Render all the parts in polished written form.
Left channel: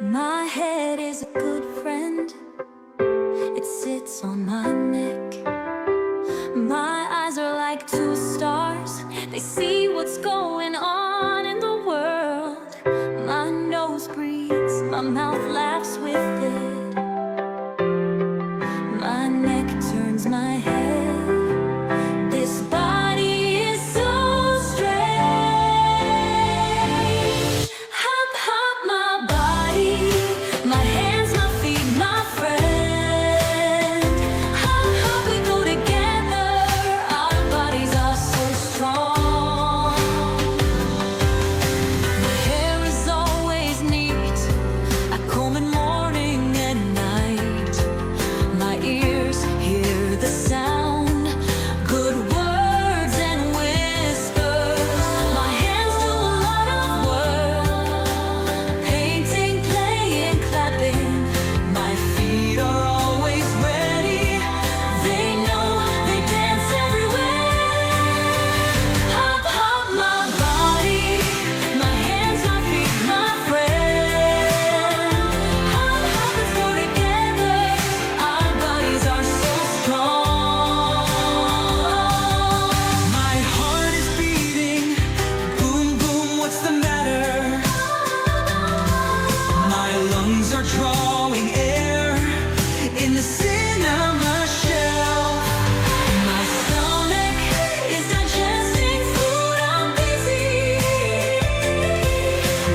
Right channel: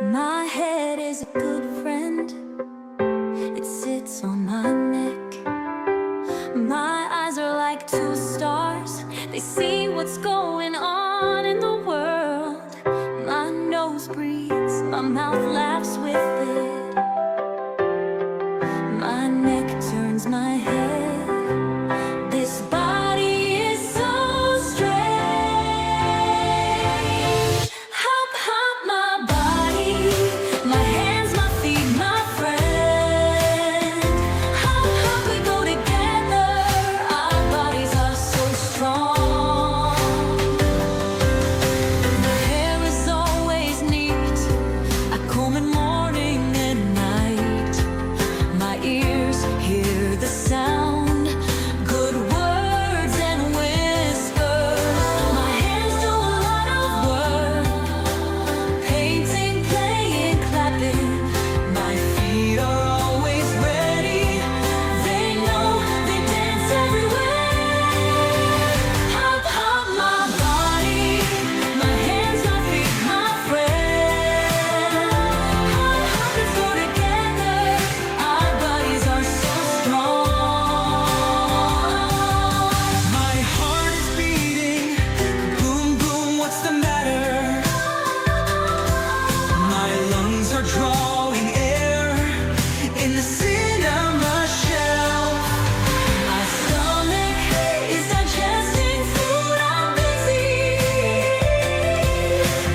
My head is a good friend, it sits on my neck. My eyes are like two stars, they see what's going on in the world. My nose breathes, my mouth laughs with it. My neck turns my head. This body is so strange. Hop, hop, my body, my hands, my feet, my friend. Hop, hop, we go together. Our bodies are so strong. My hair is always neat, I comb it morning and night. My ears hear the sound, good words and whispers. My hands do a lot of work, painting, playing, clapping. My feet are always ready, they know, they dance everywhere. Hop, hop, my body, my hands, my feet, my friend. Hop, hop, let's go together. Our bodies are so strong. My heart is beating, boom, boom, what's the matter? My lungs are drawing air in the cinema shelf. My stomach is digesting food, I'm busy.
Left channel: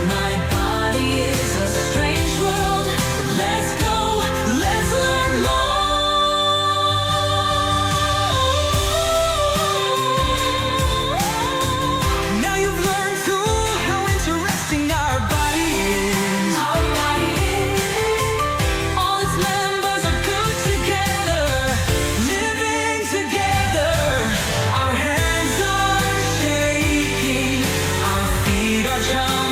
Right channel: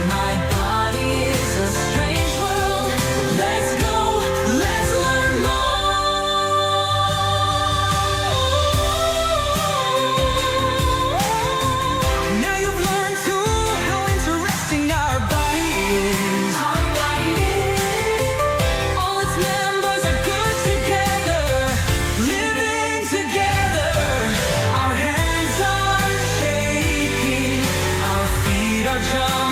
My body is a strange world. Let's go, let's learn more. Now you've learned too how interesting our body is. All its members are good together, Living together, our hands are shaking, our feet are jumping.